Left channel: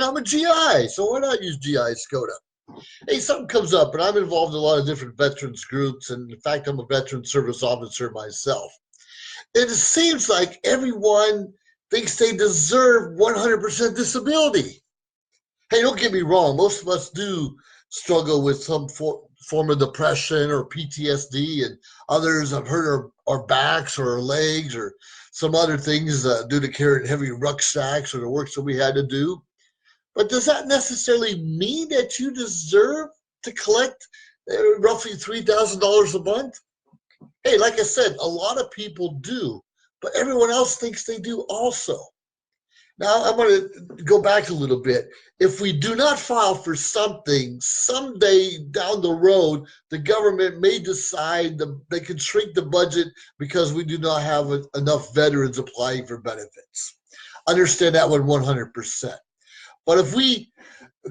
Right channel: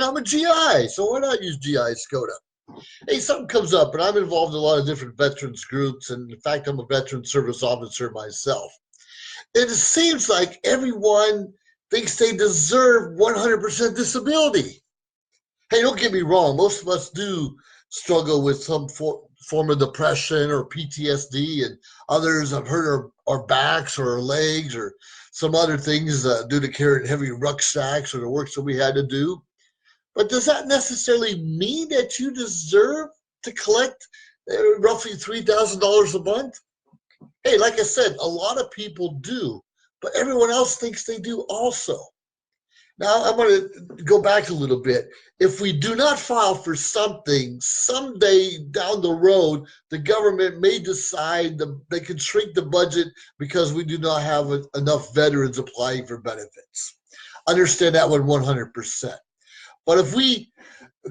And I'm a GI, so why not use GI Skoda? Hey, something comes up, and I'm involved in a lot of different veterans groups, and in fact, I'm a veteran service officer myself. And it seems like everyone thinks they deserve 100% disability. Hey, don't get me wrong, most of us do struggle with some form of depression or PTSD, and others have hurt our backs or our legs or some other things due to carrying heavy rucksacks or the work that we had to do. But does that necessarily mean that you deserve to collect roughly $3,000 a month? Hey, like I said, a lot of people do, but everyone else thinks they do also. Now, I'm going to go back a little bit. If we do not file for something, someday down the road, the government may decide they can shrink the budget because we do not have enough veterans applying for benefits. Understand that one 100%. But if we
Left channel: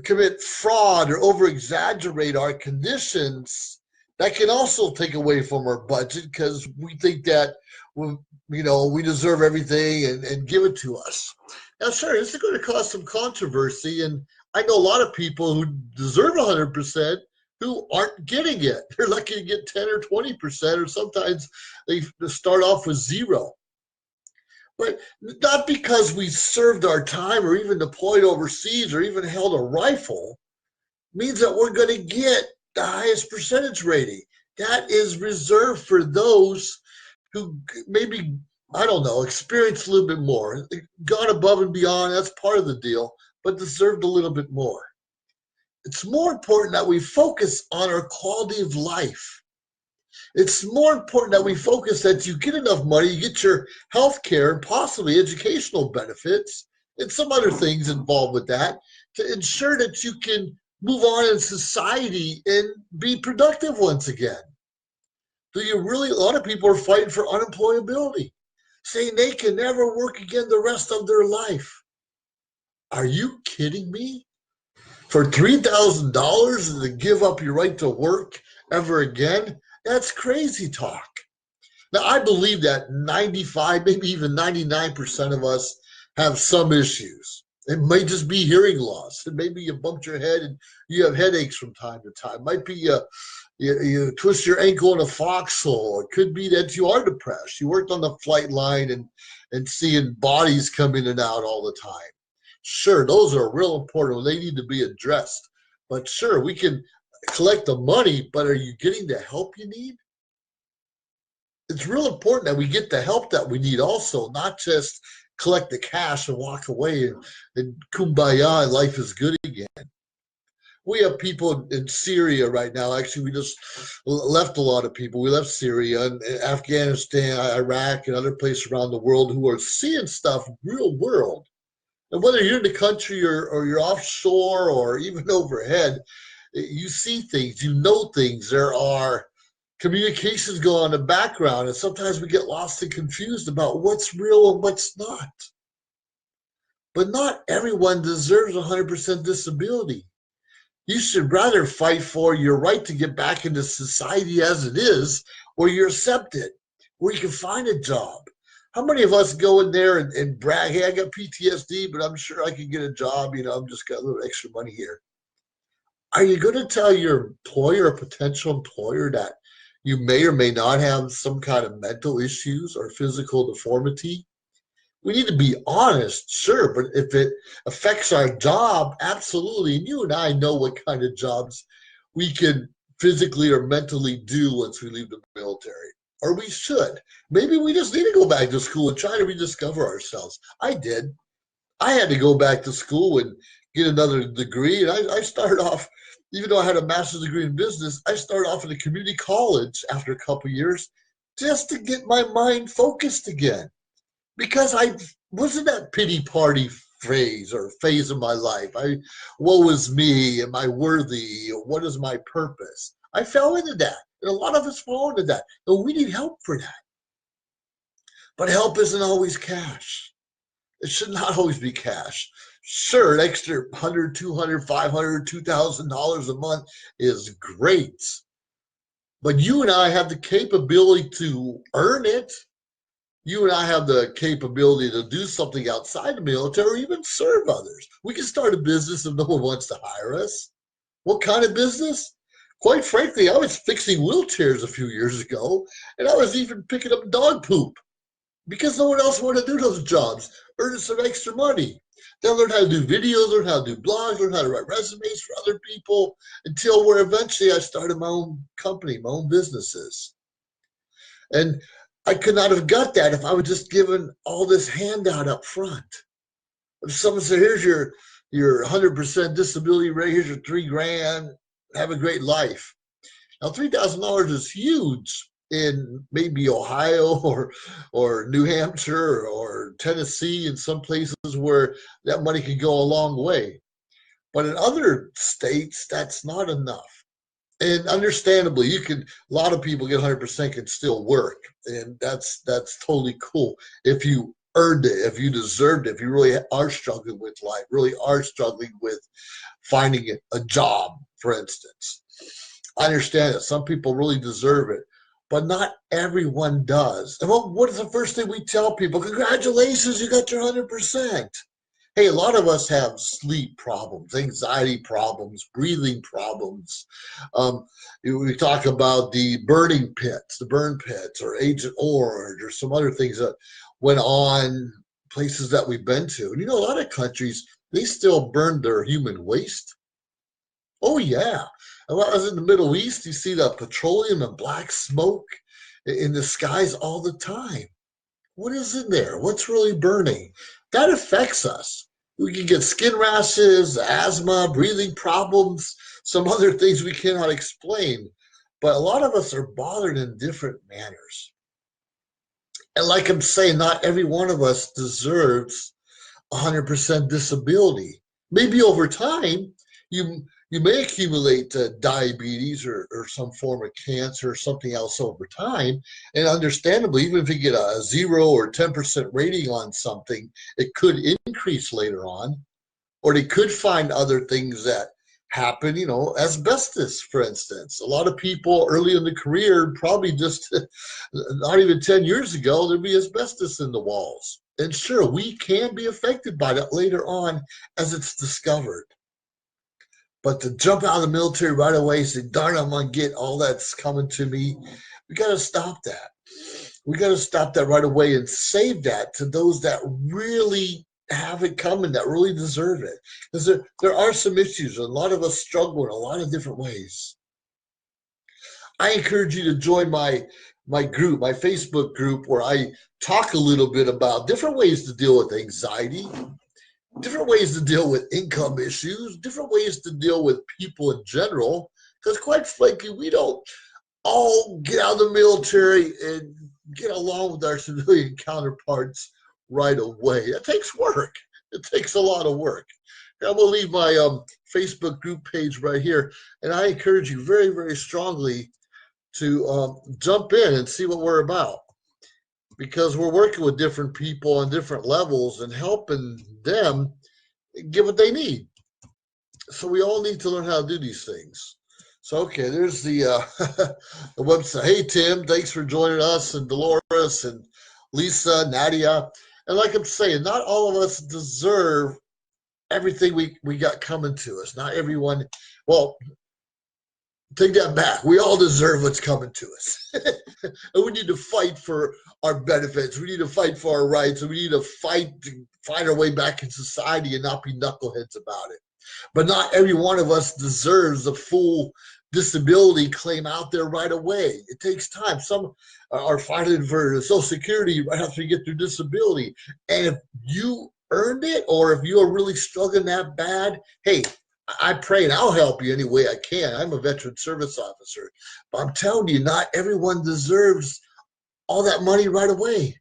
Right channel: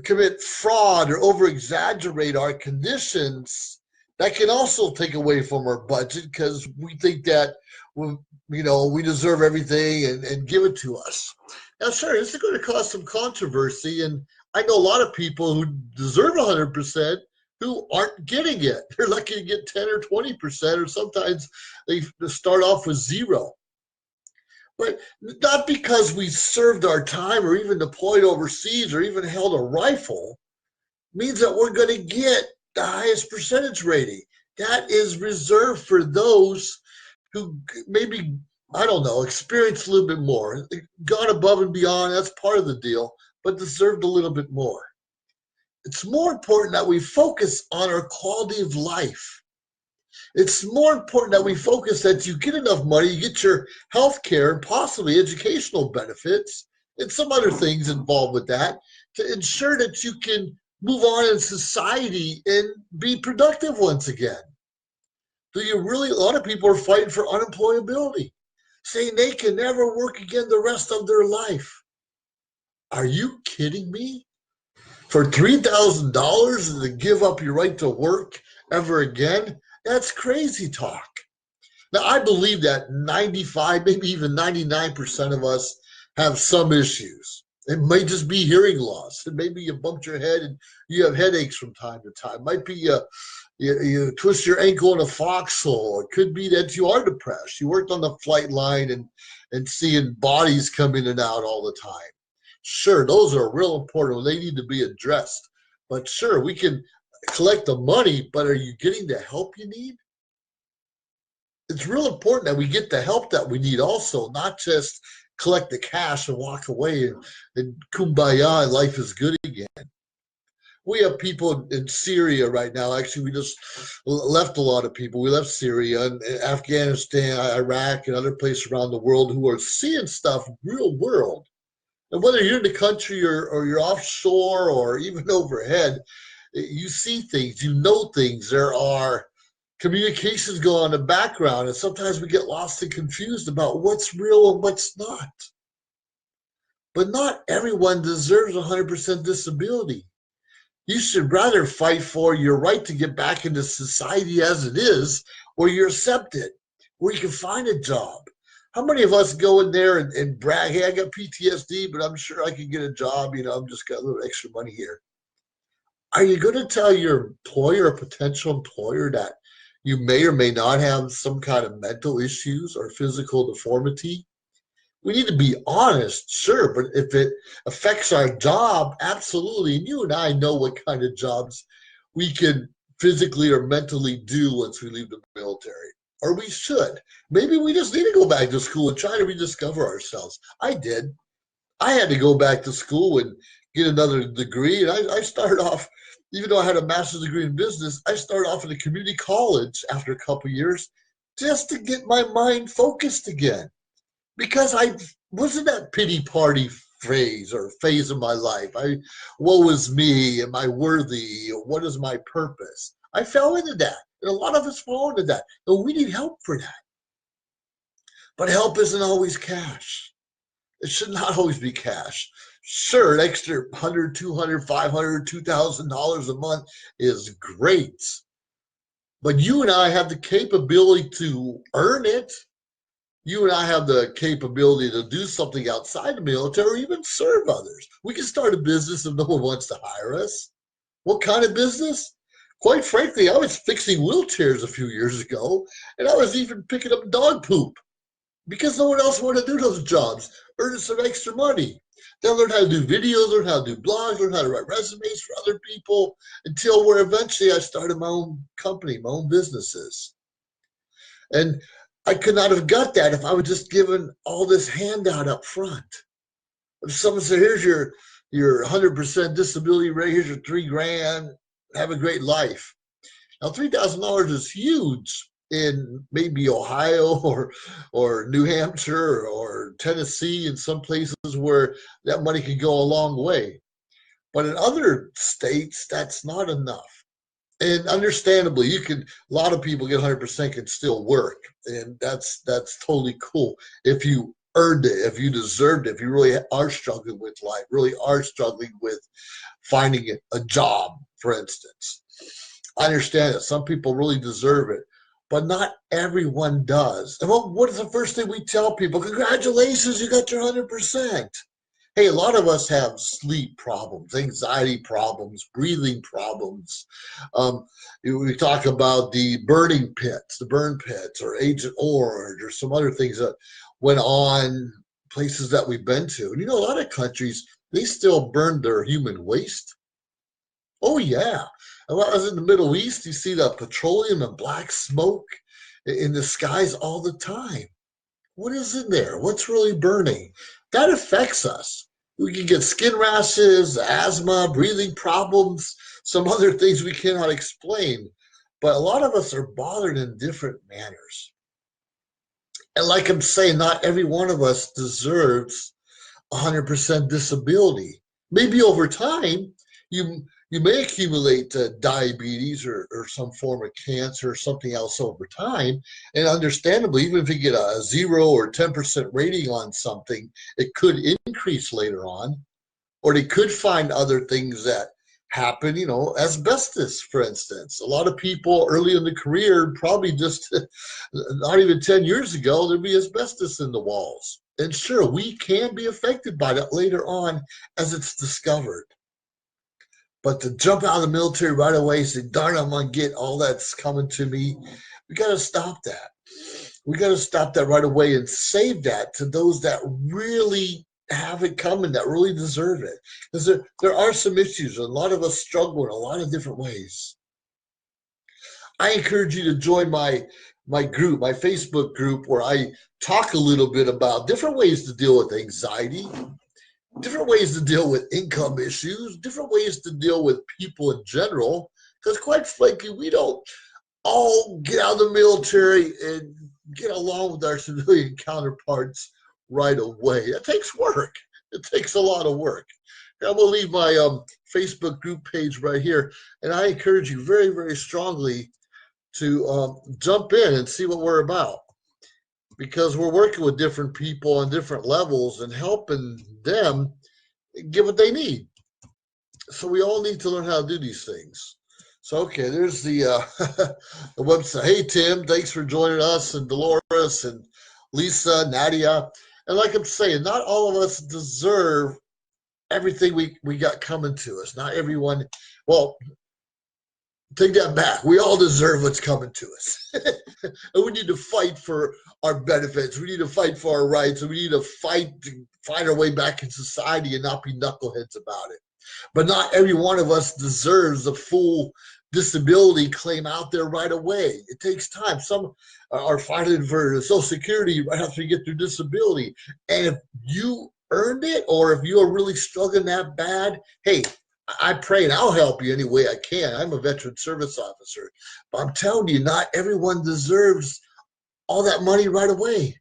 commit fraud or over-exaggerate our conditions, that can also take away from our budget because we think that we deserve everything and give it to us. Now, sure, this is going to cause some controversy, and I know a lot of people who deserve 100% who aren't getting it. They're lucky to get 10 or 20%, or sometimes they start off with zero. But not because we served our time or even deployed overseas or even held a rifle means that we're going to get the highest percentage rating. That is reserved for those who maybe, I don't know, experienced a little bit more, gone above and beyond. That's part of the deal, but deserved a little bit more. It's more important that we focus on our quality of life. It's more important that we focus that you get enough money, you get your health care and possibly educational benefits and some other things involved with that to ensure that you can move on in society and be productive once again. Do you really? A lot of people are fighting for unemployability, saying they can never work again the rest of their life. Are you kidding me? For $3,000 to give up your right to work ever again? That's crazy talk. Now, I believe that 95, maybe even 99% of us have some issues. It might just be hearing loss. It may be you bumped your head and you have headaches from time to time. It might be you twist your ankle in a foxhole. It could be that you are depressed. You worked on the flight line and seeing bodies come in and out all the time. Sure, those are real important. They need to be addressed. But sure, we can collect the money, but are you getting the help you need? It's real important that we get the help that we need also, not just collect the cash and walk away and kumbaya and life is good again. We have people in Syria right now. Actually, we just left a lot of people. We left Syria and Afghanistan, Iraq, and other places around the world who are seeing stuff real world. And whether you're in the country or you're offshore or even overhead, you see things, you know things. There are communications go on in the background, and sometimes we get lost and confused about what's real and what's not. But not everyone deserves 100% disability. You should rather fight for your right to get back into society as it is, where you're accepted, where you can find a job. How many of us go in there and brag, hey, I got PTSD, but I'm sure I can get a job. I'm just got a little extra money here. Are you going to tell your employer or potential employer that you may or may not have some kind of mental issues or physical deformity? We need to be honest, sure, but if it affects our job, absolutely. And you and I know what kind of jobs we can physically or mentally do once we leave the military. Or we should. Maybe we just need to go back to school and try to rediscover ourselves. I did. I had to go back to school and get another degree. And I started off, even though I had a master's degree in business, I started off at a community college after a couple of years just to get my mind focused again. Because I was in that pity party phase of my life. Woe is me, am I worthy? What is my purpose? I fell into that. And a lot of us fall into that. And we need help for that. But help isn't always cash. It should not always be cash. Sure, an extra $100, $200, $500, $2,000 a month is great. But you and I have the capability to earn it. you and I have the capability to do something outside the military or even serve others. We can start a business if no one wants to hire us. What kind of business? Quite frankly, I was fixing wheelchairs a few years ago, and I was even picking up dog poop because no one else wanted to do those jobs, earning some extra money. Then learn how to do videos, learn how to do blogs, learn how to write resumes for other people until where eventually I started my own company, my own businesses. And I could not have got that if I was just given all this handout up front. If someone said, here's your 100% disability rate, here's your 3 grand, have a great life. Now, $3,000 is huge in maybe Ohio or New Hampshire or Tennessee and some places where that money can go a long way. But in other states, that's not enough. And understandably, a lot of people get 100% can still work, and that's totally cool if you earned it, if you deserved it, if you really are struggling with life, really are struggling with finding a job, for instance. I understand that some people really deserve it, but not everyone does. And what is the first thing we tell people? Congratulations, you got your 100%. Hey, a lot of us have sleep problems, anxiety problems, breathing problems. We talk about the burn pits, or Agent Orange, or some other things that went on places that we've been to. And a lot of countries, they still burn their human waste. Oh, yeah. And when I was in the Middle East, you see the petroleum and black smoke in the skies all the time. What is in there? What's really burning? That affects us. We can get skin rashes, asthma, breathing problems, some other things we cannot explain. But a lot of us are bothered in different manners. And like I'm saying, not every one of us deserves 100% disability. Maybe over time, you you may accumulate diabetes or some form of cancer or something else over time. And understandably, even if you get a 0 or 10% rating on something, it could increase later on, or they could find other things that happen, asbestos, for instance. A lot of people early in the career, probably just not even 10 years ago, there'd be asbestos in the walls. And sure, we can be affected by that later on as it's discovered. But to jump out of the military right away, say, darn, I'm going to get all that's coming to me, we got to stop that. We got to stop that right away and save that to those that really have it coming, that really deserve it. Because there are some issues, and a lot of us struggle in a lot of different ways. I encourage you to join my group, my Facebook group, where I talk a little bit about different ways to deal with anxiety, different ways to deal with income issues, different ways to deal with people in general. Because quite frankly, we don't all get out of the military and get along with our civilian counterparts right away. It takes work. It takes a lot of work. I'm going to leave my Facebook group page right here, and I encourage you very, very strongly to jump in and see what we're about, because we're working with different people on different levels and helping them get what they need. So we all need to learn how to do these things. So, okay, there's the the website. Hey, Tim, thanks for joining us, and Dolores and Lisa, Nadia. And like I'm saying, not all of us deserve everything we got coming to us. Not everyone, well, take that back. We all deserve what's coming to us. And we need to fight for our benefits. We need to fight for our rights. And we need to fight our way back in society and not be knuckleheads about it. But not every one of us deserves a full disability claim out there right away. It takes time. Some are fighting for Social Security right after you get their disability. And if you earned it, or if you are really struggling that bad, hey, I pray and I'll help you any way I can. I'm a veteran service officer. But I'm telling you, not everyone deserves all that money right away.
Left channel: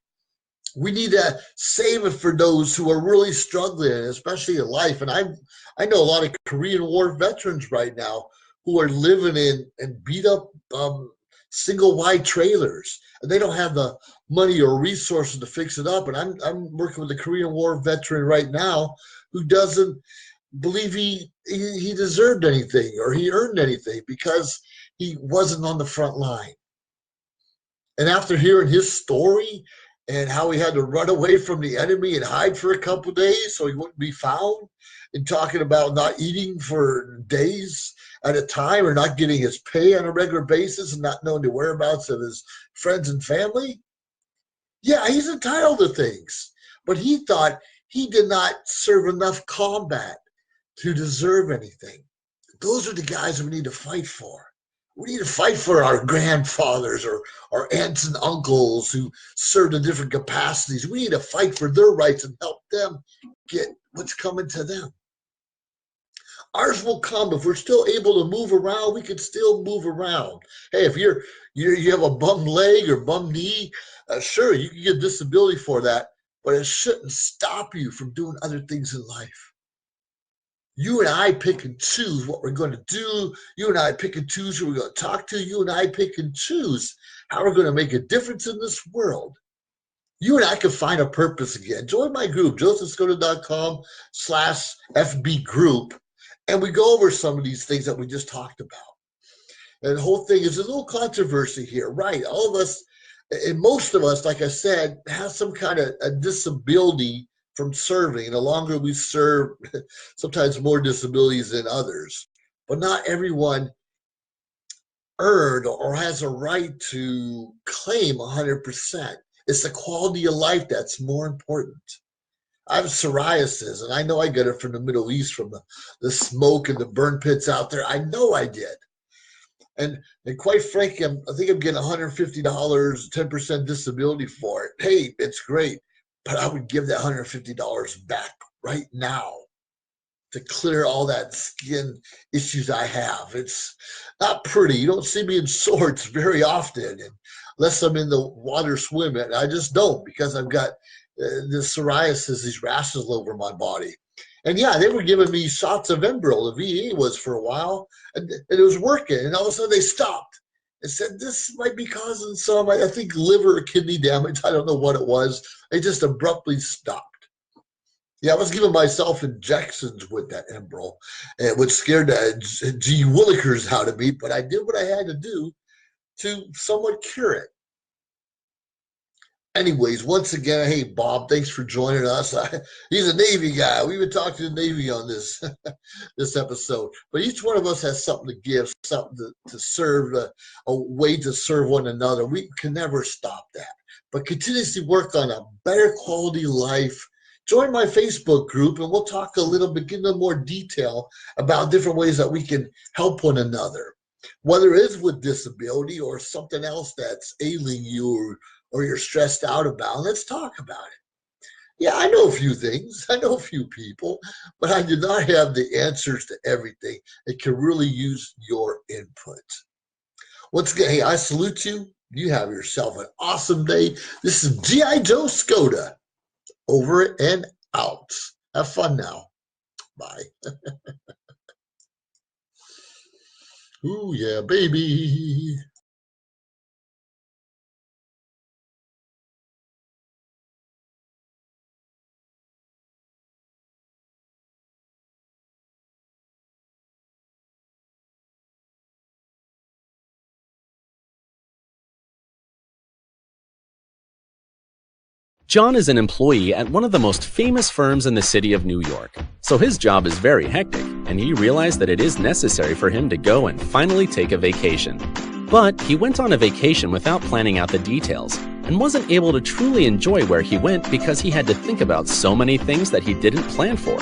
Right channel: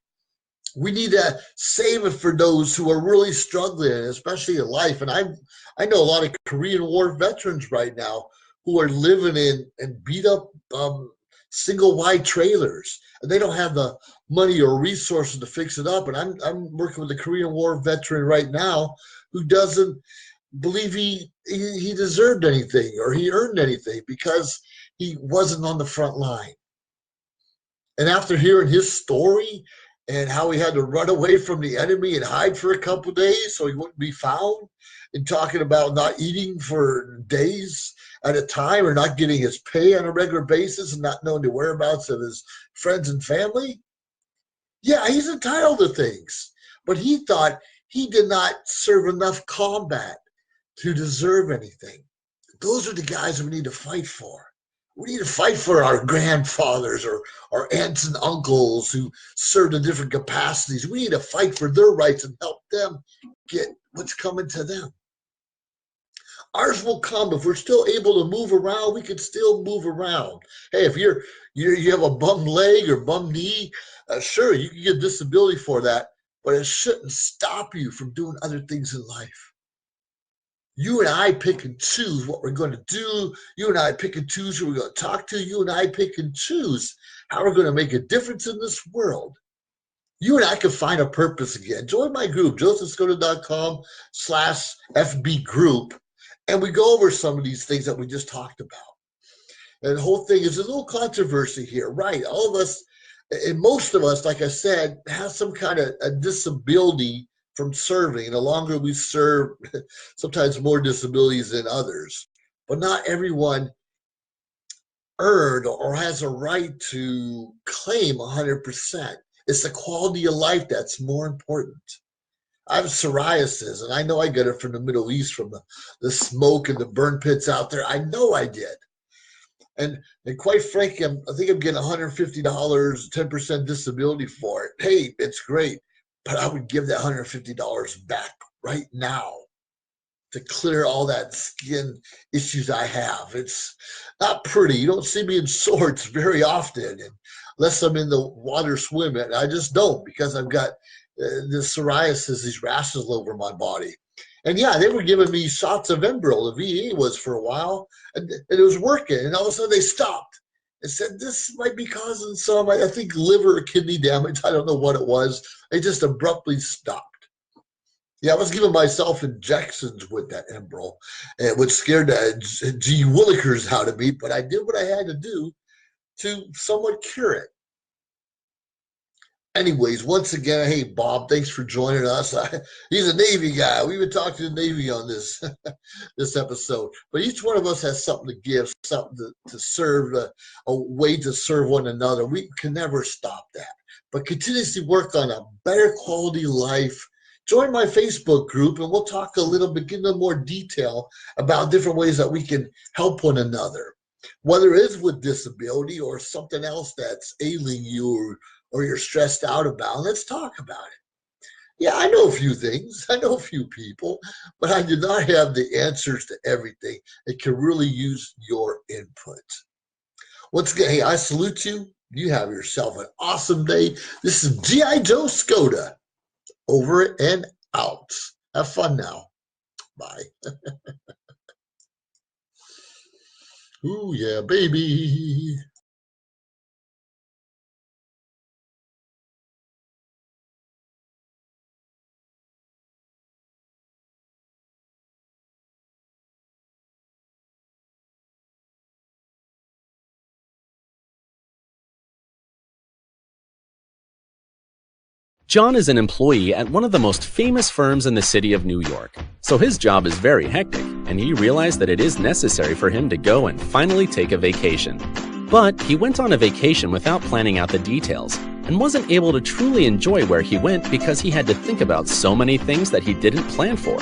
We need to save it for those who are really struggling, especially in life. And I know a lot of Korean War veterans right now who are living in beat up single wide trailers, and they don't have the money or resources to fix it up. And I'm working with a Korean War veteran right now who doesn't believe he deserved anything or he earned anything because he wasn't on the front line. And after hearing his story and how he had to run away from the enemy and hide for a couple days so he wouldn't be found, and talking about not eating for days at a time or not getting his pay on a regular basis and not knowing the whereabouts of his friends and family. Yeah, he's entitled to things, but he thought he did not serve enough combat to deserve anything. Those are the guys we need to fight for. We need to fight for our grandfathers or our aunts and uncles who served in different capacities. We need to fight for their rights and help them get what's coming to them. Ours will come if we're still able to move around. We can still move around. Hey, if you have a bum leg or bum knee, sure, you can get disability for that, but it shouldn't stop you from doing other things in life. You and I pick and choose what we're going to do. You and I pick and choose who we're going to talk to. You and I pick and choose how we're going to make a difference in this world. You and I can find a purpose again. Join my group, josephskoda.com/FB group, and we go over some of these things that we just talked about. And the whole thing is a little controversy here, right? All of us, and most of us, like I said, have some kind of a disability from serving. And the longer we serve, sometimes more disabilities than others. But not everyone earned or has a right to claim 100%. It's the quality of life that's more important. I have psoriasis, and I know I got it from the Middle East, from the smoke and the burn pits out there. I know I did. And quite frankly, I think I'm getting $150, 10% disability for it. Hey, it's great, but I would give that $150 back right now to clear all that skin issues I have. It's not pretty. You don't see me in shorts very often, unless I'm in the water swimming. I just don't, because I've got this psoriasis, these rashes all over my body. And yeah, they were giving me shots of Enbrel. The VA was for a while, and it was working. And all of a sudden they stopped and said, this might be causing some, I think, liver or kidney damage. I don't know what it was. They just abruptly stopped. Yeah, I was giving myself injections with that Enbrel, which scared the G Willikers out of me, but I did what I had to do to somewhat cure it. Anyways, once again, hey, Bob, thanks for joining us. He's a Navy guy. We've been talking to the Navy on this this episode. But each one of us has something to give, something to serve, a way to serve one another. We can never stop that, but continuously work on a better quality life. Join my Facebook group, and we'll talk a little bit, get into more detail about different ways that we can help one another, whether it's with disability or something else that's ailing you or you're stressed out about. Let's talk about it. Yeah, I know a few things. I know a few people, but I do not have the answers to everything. It can really use your input. Once again, hey, I salute you. You have yourself an awesome day. This is G.I. Joe Skoda. Over and out. Have fun now. Bye. Ooh, yeah, baby. John is an employee at one of the most famous firms in the city of New York, so his job is very hectic, and he realized that it is necessary for him to go and finally take a vacation. But he went on a vacation without planning out the details, and wasn't able to truly enjoy where he went because he had to think about so many things that he didn't plan for.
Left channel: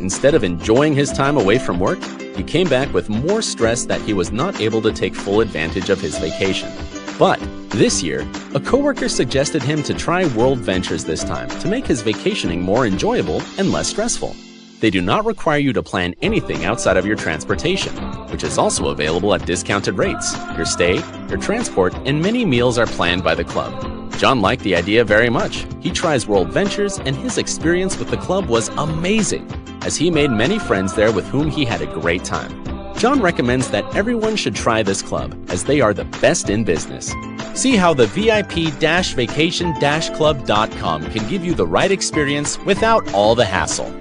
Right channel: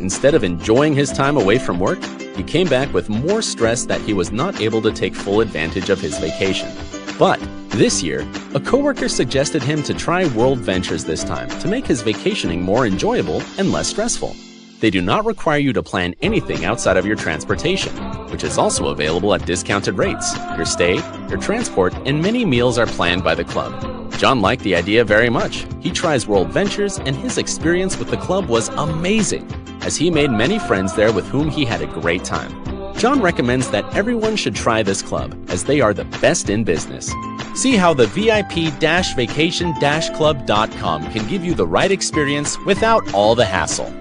Instead of enjoying his time away from work, he came back with more stress that he was not able to take full advantage of his vacation. But this year, a coworker suggested him to try World Ventures this time to make his vacationing more enjoyable and less stressful. They do not require you to plan anything outside of your transportation, which is also available at discounted rates. Your stay, your transport, and many meals are planned by the club. John liked the idea very much. He tries World Ventures, and his experience with the club was amazing, as he made many friends there with whom he had a great time. John recommends that everyone should try this club, as they are the best in business. See how the VIP-vacation-club.com can give you the right experience without all the hassle.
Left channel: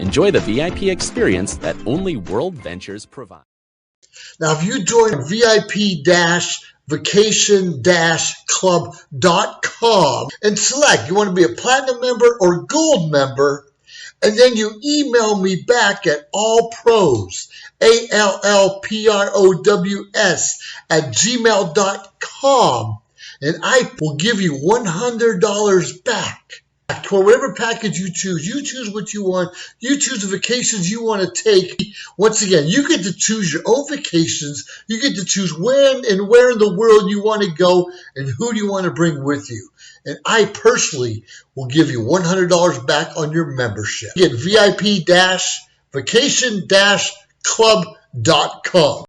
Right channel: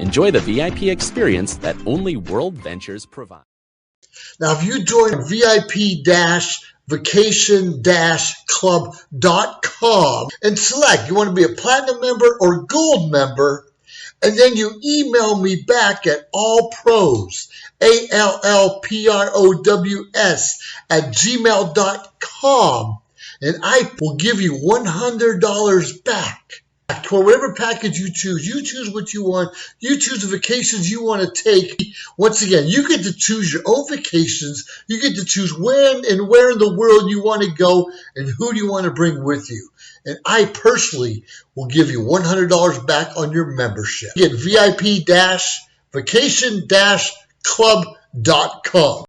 Enjoy the VIP experience that only World Ventures provides. Now, if you join VIP-vacation vacation-club.com and select you want to be a platinum member or gold member, and then you email me back at allpros, ALLPROWS @gmail.com, and I will give you $100 back for whatever package you choose. You choose what you want. You choose the vacations you want to take. Once again, you get to choose your own vacations. You get to choose when and where in the world you want to go and who do you want to bring with you. And I personally will give you $100 back on your membership. Get VIP-vacation-club.com.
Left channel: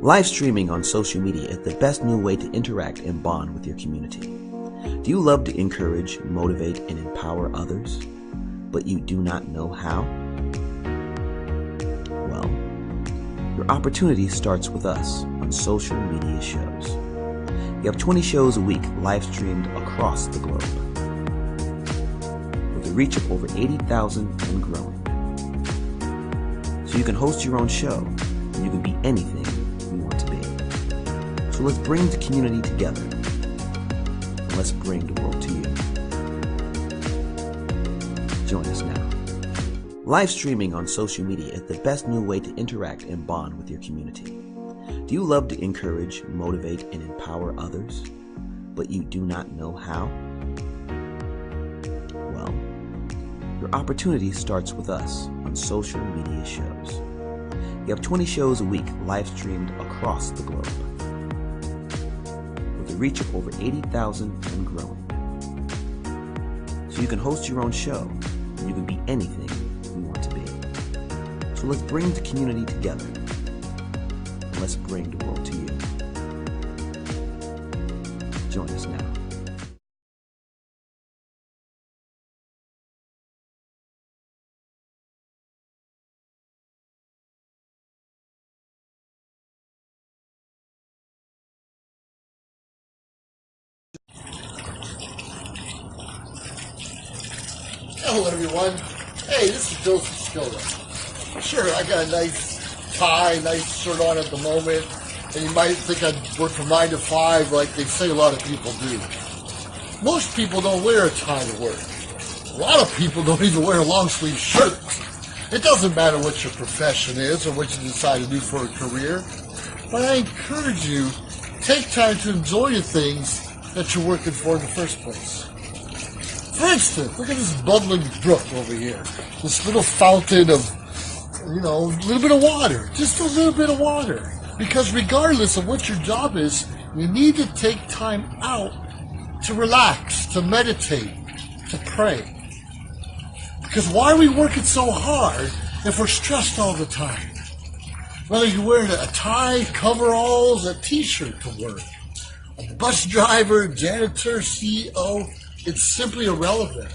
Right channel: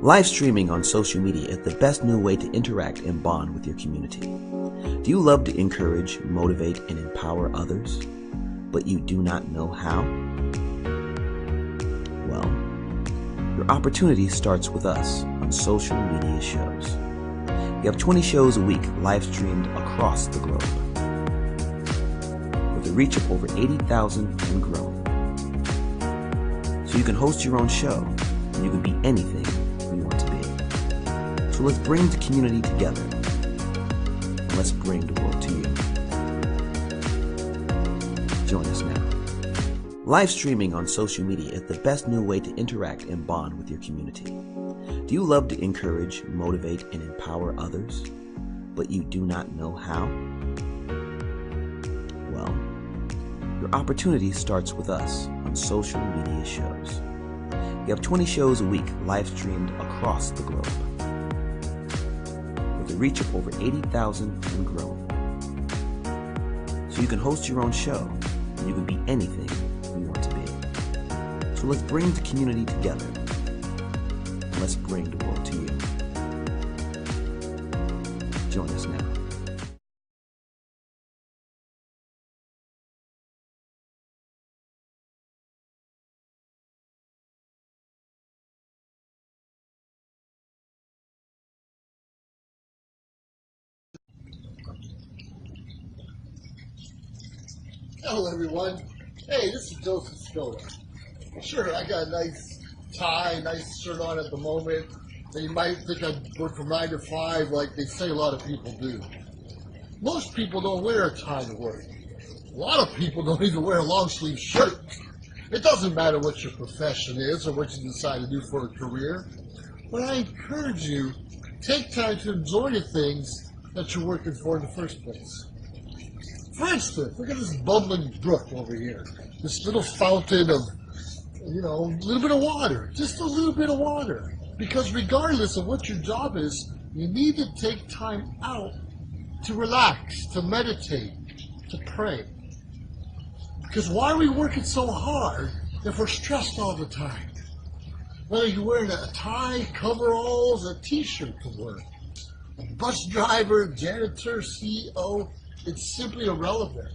Live streaming on social media is the best new way to interact and bond with your community. Do you love to encourage, motivate, and empower others, but you do not know how? Well, your opportunity starts with us on social media shows. We have 20 shows a week live streamed across the globe, with a reach of over 80,000 and growing. So you can host your own show, and you can be anything you want to be. So let's bring the community together, and let's bring the world to you. Join us now. Live streaming on social media is the best new way to interact and bond with your community. Do you love to encourage, motivate, and empower others, but you do not know how? Well, your opportunity starts with us on social media shows. We have 20 shows a week live streamed across the globe, with a reach of over 80,000 and growing. So you can host your own show, and you can be anything you want to be. So let's bring the community together, and let's bring the world to you. Join us now. Hello everyone. Hey, this is Joseph Skoda. Sure, I got a nice tie, nice shirt on at the moment, and you might think I work from 9 to 5 like they say a lot of people do. Most people don't wear a tie to work. A lot of people don't even wear a long sleeve shirt. It doesn't matter what your profession is or what you decide to do for a career, but I encourage you, take time to enjoy the things that you're working for in the first place. For instance, look at this bubbling brook over here. This little fountain of, a little bit of water. Just a little bit of water. Because regardless of what your job is, you need to take time out to relax, to meditate, to pray. Because why are we working so hard if we're stressed all the time? Whether you're wearing a tie, coveralls, a t-shirt to work, a bus driver, janitor, CEO, it's simply irrelevant.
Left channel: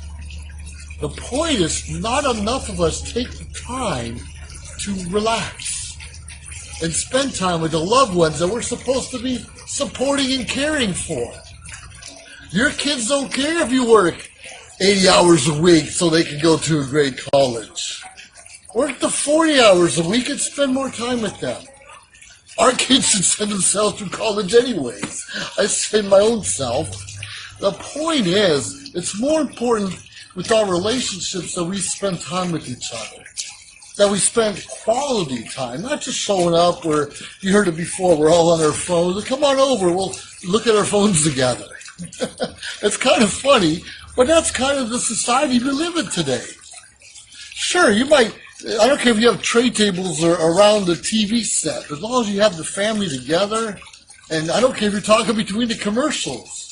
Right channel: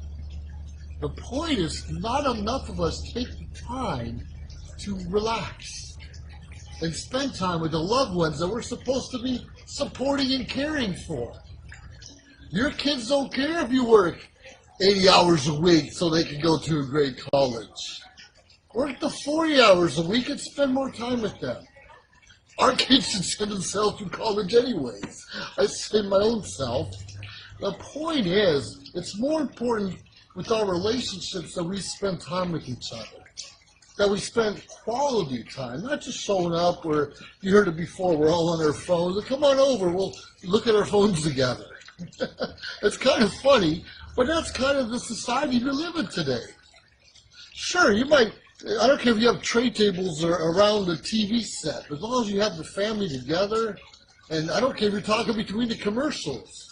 The point is, not enough of us take the time to relax and spend time with the loved ones that we're supposed to be supporting and caring for. Your kids don't care if you work 80 hours a week so they can go to a great college. Work the 40 hours a week and spend more time with them. Our kids should send themselves through college anyways. I send my own self. The point is, it's more important with our relationships that we spend time with each other. That we spend quality time, not just showing up where, you heard it before, we're all on our phones. Come on over, we'll look at our phones together. It's kind of funny, but that's kind of the society we live in today. Sure, you might, I don't care if you have tray tables or around the TV set, as long as you have the family together, and I don't care if you're talking between the commercials,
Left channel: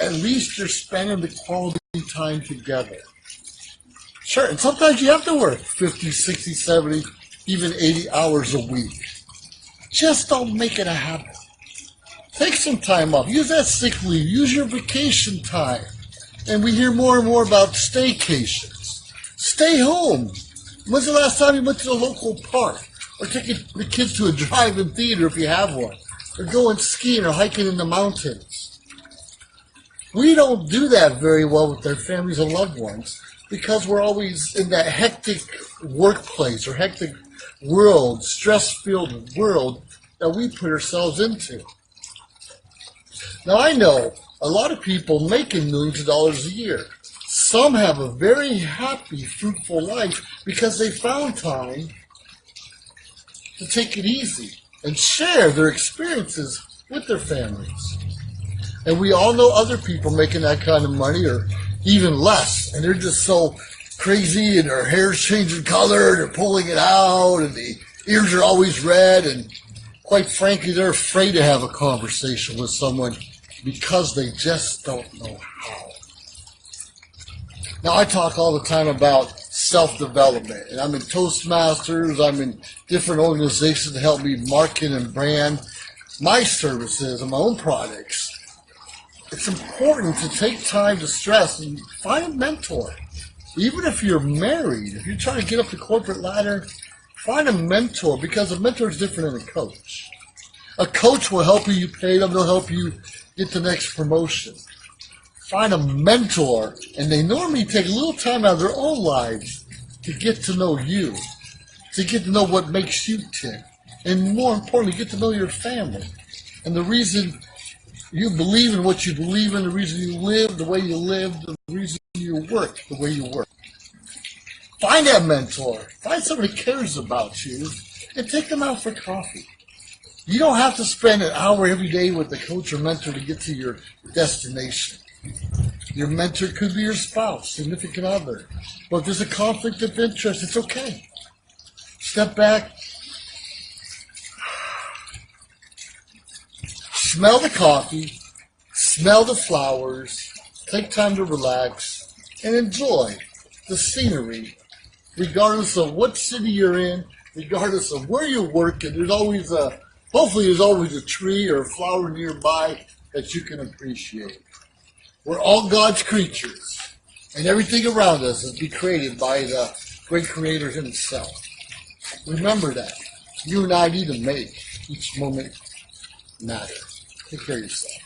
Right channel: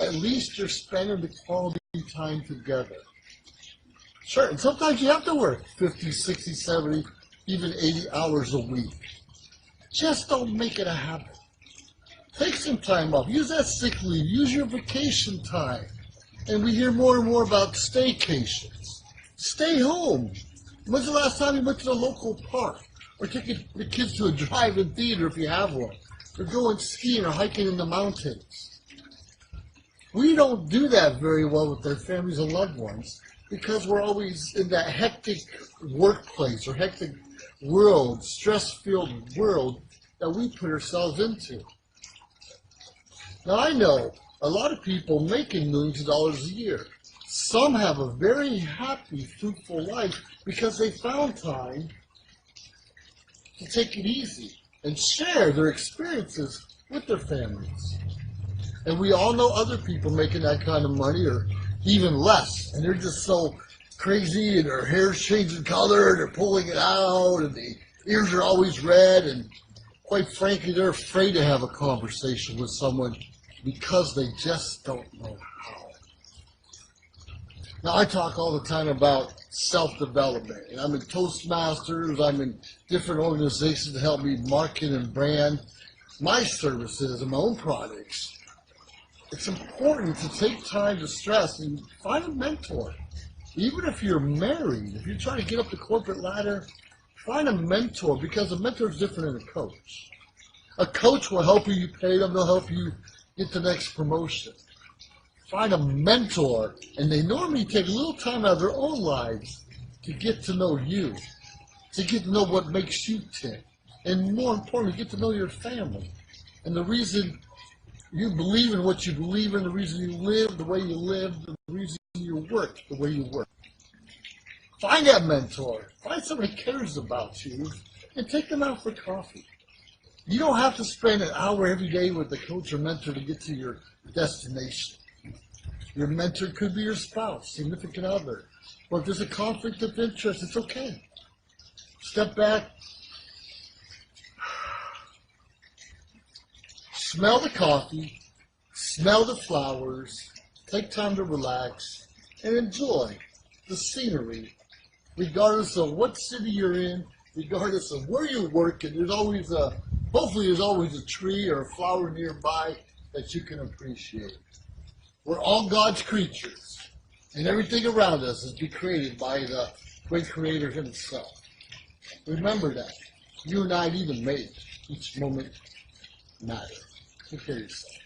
at least you're spending the quality time together. Sure, and sometimes you have to work 50, 60, 70, even 80 hours a week. Just don't make it a habit. Take some time off. Use that sick leave. Use your vacation time. And we hear more and more about staycations. Stay home. When's the last time you went to the local park? Or taking the kids to a drive-in theater if you have one? Or going skiing or hiking in the mountains? We don't do that very well with our families and loved ones because we're always in that hectic workplace or hectic world, stress-filled world that we put ourselves into. Now, I know a lot of people making millions of dollars a year. Some have a very happy, fruitful life because they found time to take it easy and share their experiences with their families. And we all know other people making that kind of money or even less, and they're just so crazy and their hair's changing color and they're pulling it out and the ears are always red, and quite frankly, they're afraid to have a conversation with someone because they just don't know how. Now, I talk all the time about self-development, and I'm in Toastmasters, I'm in different organizations to help me market and brand my services and my own products. It's important to take time to stress and find a mentor. Even if you're married, if you're trying to get up the corporate ladder, find a mentor, because a mentor is different than a coach. A coach will help you pay them, they'll help you get the next promotion. Find a mentor, and they normally take a little time out of their own lives to get to know you, to get to know what makes you tick, and more importantly, get to know your family. And the reason you believe in what you believe in, the reason you live the way you live, the reason you work the way you work. Find that mentor. Find someone who cares about you, and take them out for coffee. You don't have to spend an hour every day with the coach or mentor to get to your destination. Your mentor could be your spouse, significant other. But if there's a conflict of interest, it's okay. Step back. Smell the coffee. Smell the flowers. Take time to relax and enjoy the scenery, regardless of what city you're in, regardless of where you're working. There's always hopefully there's always a tree or a flower nearby that you can appreciate. We're all God's creatures, and everything around us has been created by the great Creator Himself. Remember that. You and I need to make each moment matter. Take care of yourself.